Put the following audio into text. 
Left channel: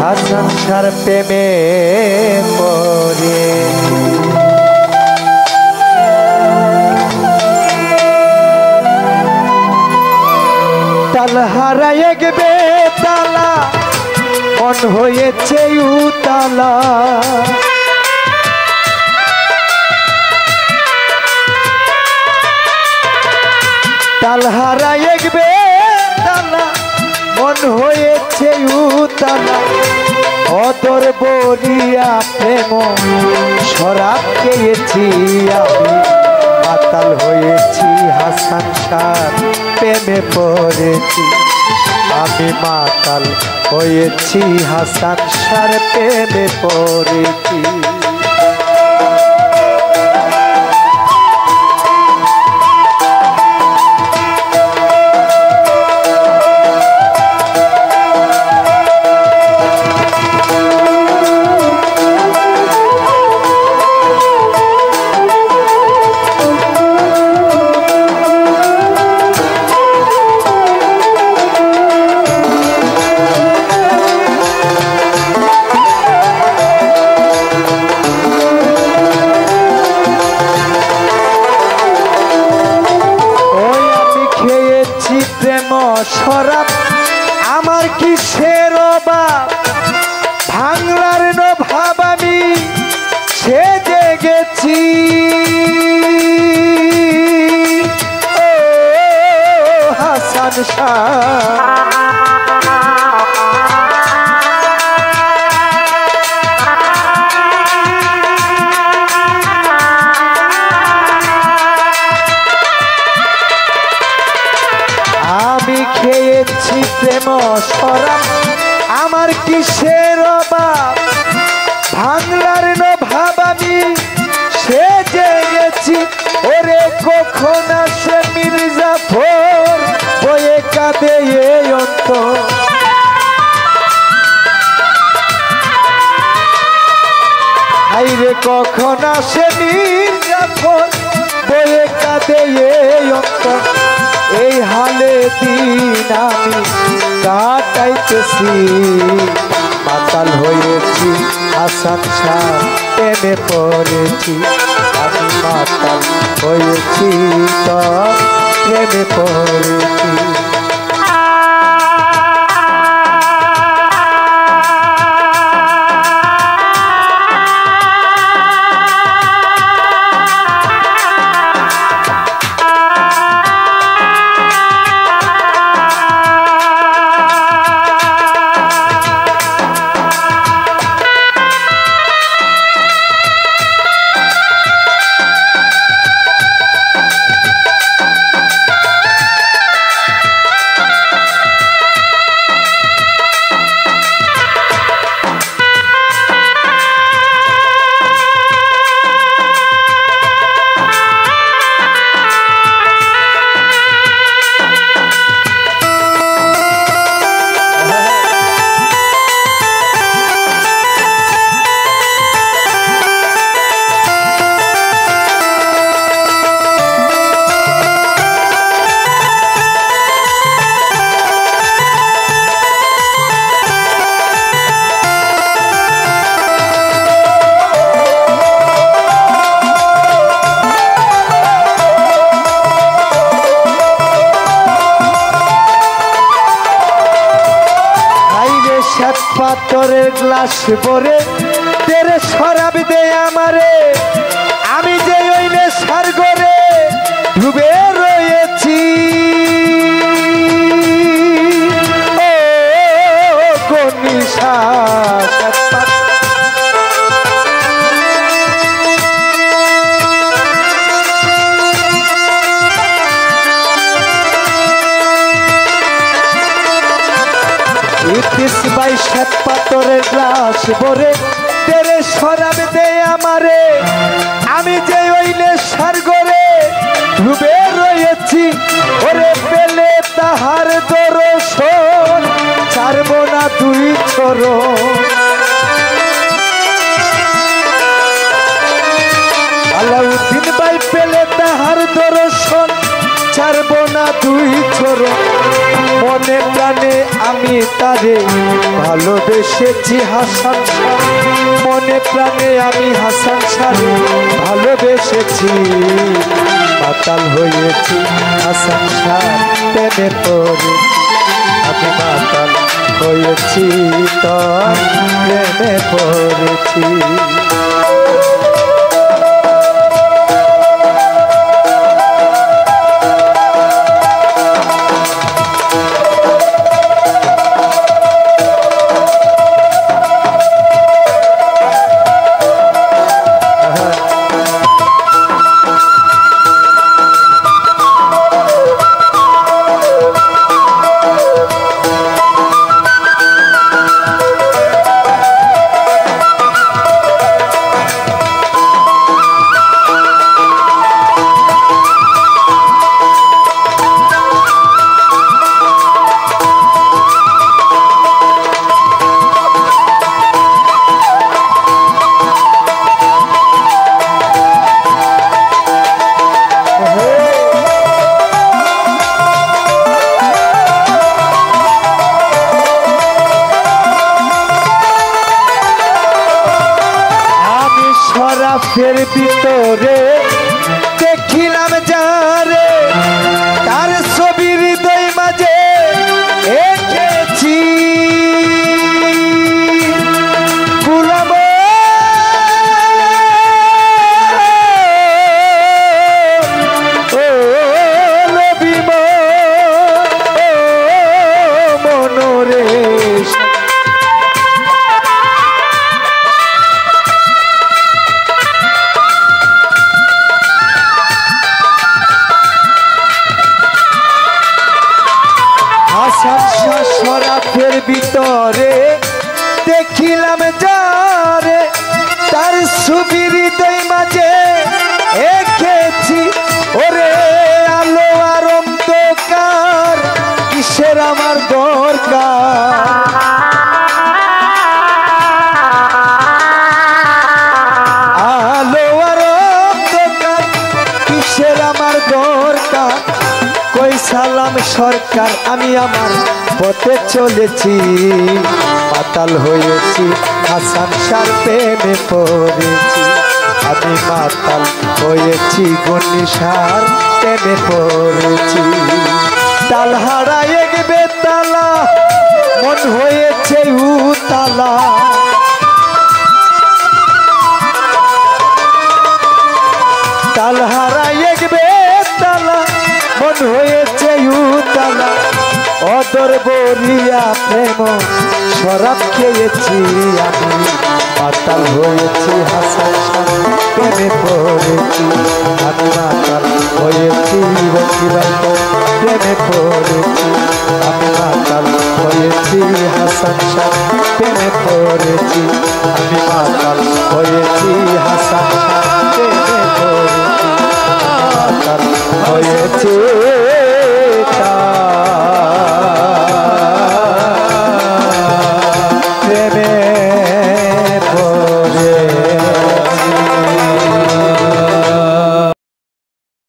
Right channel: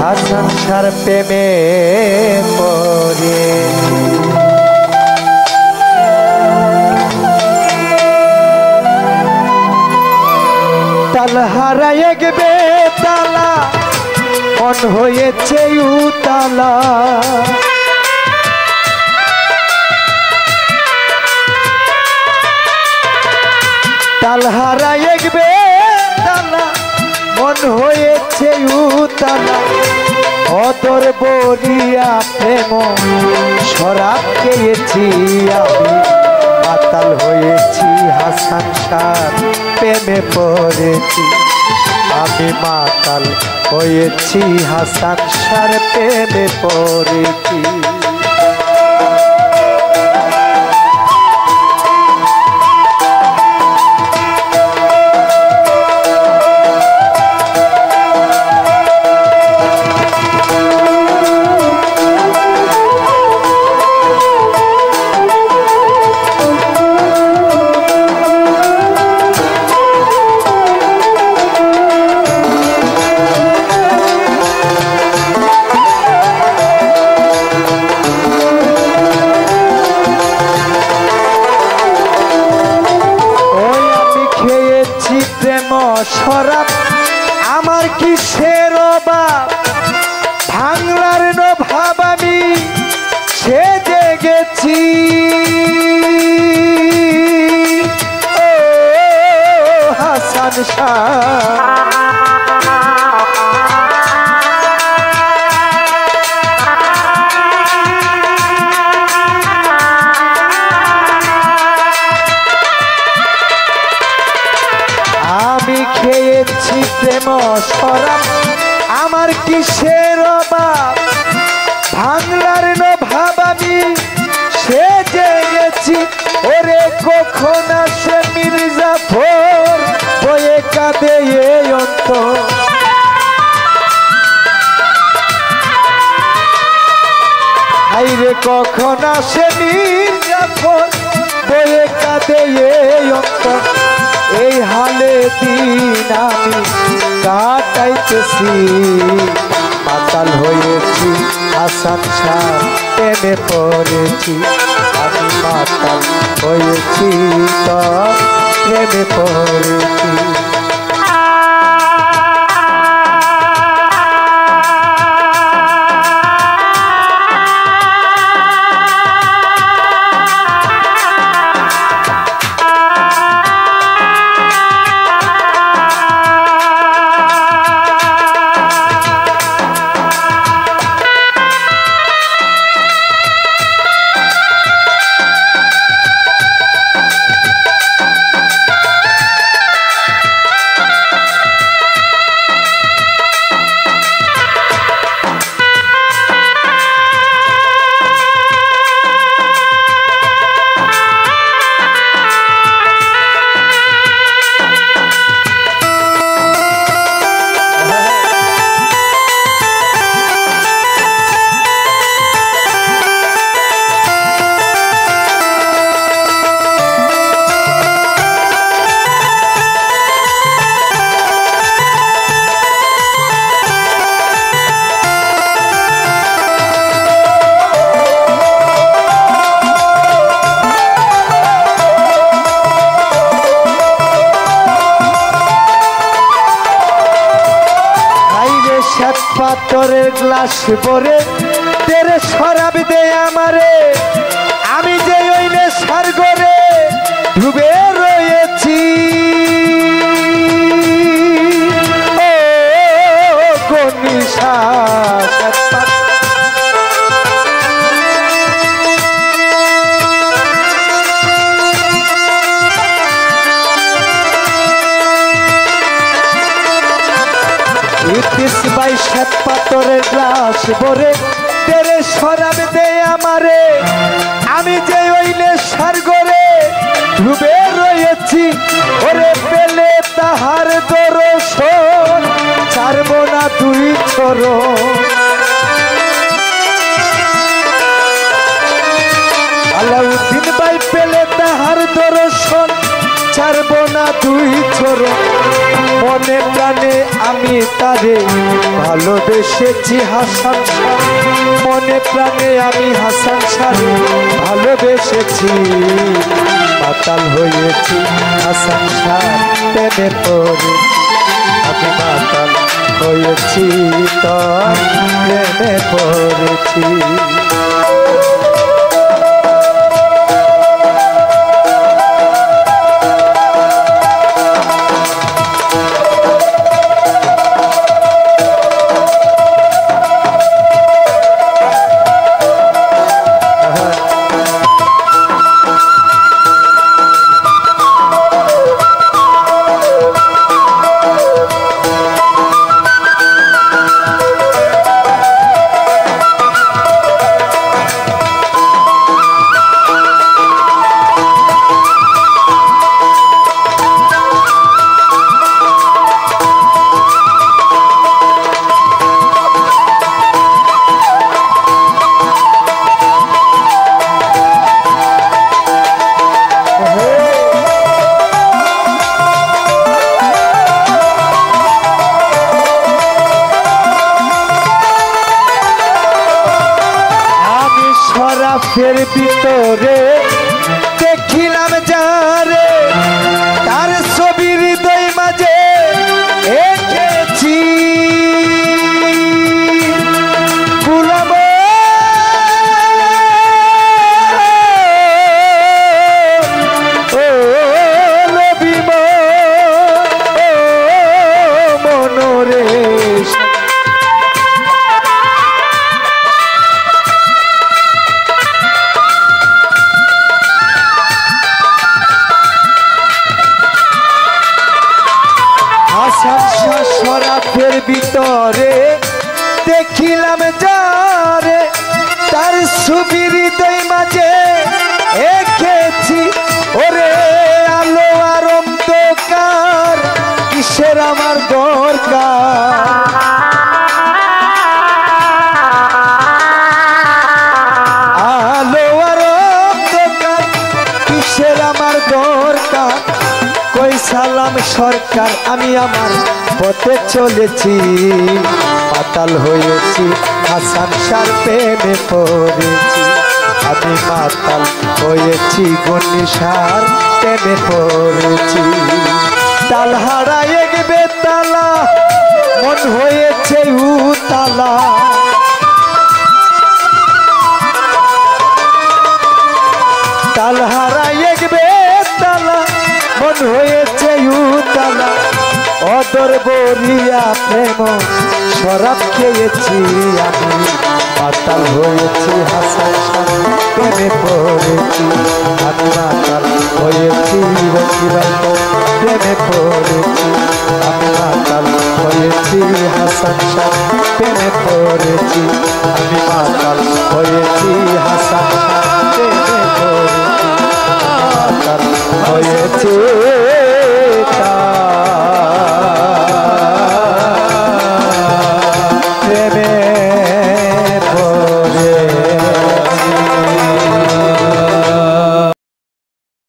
হাসান শাহর প্রেমে পড়ে তাল হারায় গেবে তালা মন হয়েছে উতালা তাল হারায় গেবে তালা মন হয়েছে উতালা অদর বলিয়া প্রেম শরাব খেয়েছি আমি মাতাল হয়েছি হাসান শাহর প্রেমে পড়েছি আমি মাতাল হয়েছি হাসান শাহর প্রেমে পড়েছি শরাব আমার কিসের অভাব ভাঙলার ভাব আমি সেজে গেছি ও হাসান শাহ খেয়েছি প্রেম শরাব আমার কিসের অভাব ভাঙলার ভাব আমি সেজে গেছি ওরে কখন আসে মির্জাফর বয়ে কাঁদে এই অন্তর হাইরে কখন আসে মির্জাফর বয়ে কাঁদে এই অন্তর এই হালে দিন আমি কাটাইতেছি মাতাল হয়েছি হাসান শাহর প্রেমে পড়েছি আমি মাতাল হয়েছি তোর প্রেমে পড়েছি পাথরের গ্লাস ভরে তেরে শরাব দে আমারে আমি যে ওই নেশার ঘরে ডুবে রয়েছি ও কোন নিশা ভাই সাত পাথরের গ্লাস ভরে তেরে শরাব দে আমারে আমি যে ওই নেশার ঘরে ডুবে রয়েছি ওরে পেলে তাহার দর্শন ছাড়ব না দুই চরণ আলাউদ্দিন ভাই পেলে তাহার দর্শন ছাড়বো না দুই চরণ মনে প্রাণে আমি তারে ভালোবেসেছি হাসান শাহ মনে প্রাণে আমি হাসান শাহ ভালোবেসেছি মাতাল হয়েছি হাসান শাহ প্রেমে পড়েছি আমি মাতাল হয়েছি তোর প্রেমে পড়েছি শরাফের ভিতরে দেখিলাম যারে তার ছবি হৃদয় মাঝে এঁকেছি গুলাম ও নবী মনোরে শরাফের ভিতরে দেখিলাম যারে তার ছবি হৃদয় মাঝে এঁকেছি ওরে আলো আর অন্ধকার কিসের আমার দরকার আলো আর অন্ধকার কিসের আমার দরকার কই সালাম সরকার আমি আমার পথে চলেছি মাতাল হয়েছি হাসান শাহর প্রেমে পড়েছি আমি মাতাল হয়েছি গনি শাহর প্রেমে পড়েছি তাল হারায় গেবে তালা মন হয়েছে উতালা তাল হারায় গেবে তালা মন হয়েছে উতালা অদর বলিয়া প্রেম শরাব খেয়েছি আমি মাতাল হয়েছি হাসান শাহ প্রেমে পড়েছি আমি মাতাল হয়েছি রকিবাইত প্রেমে পড়েছি আমি মাতাল হয়েছি হাসান শাহ প্রেমে পড়েছি আমি মাতাল হয়েছি হাসান শাহ প্রেমে পড়েছি মাতাল হয়েছি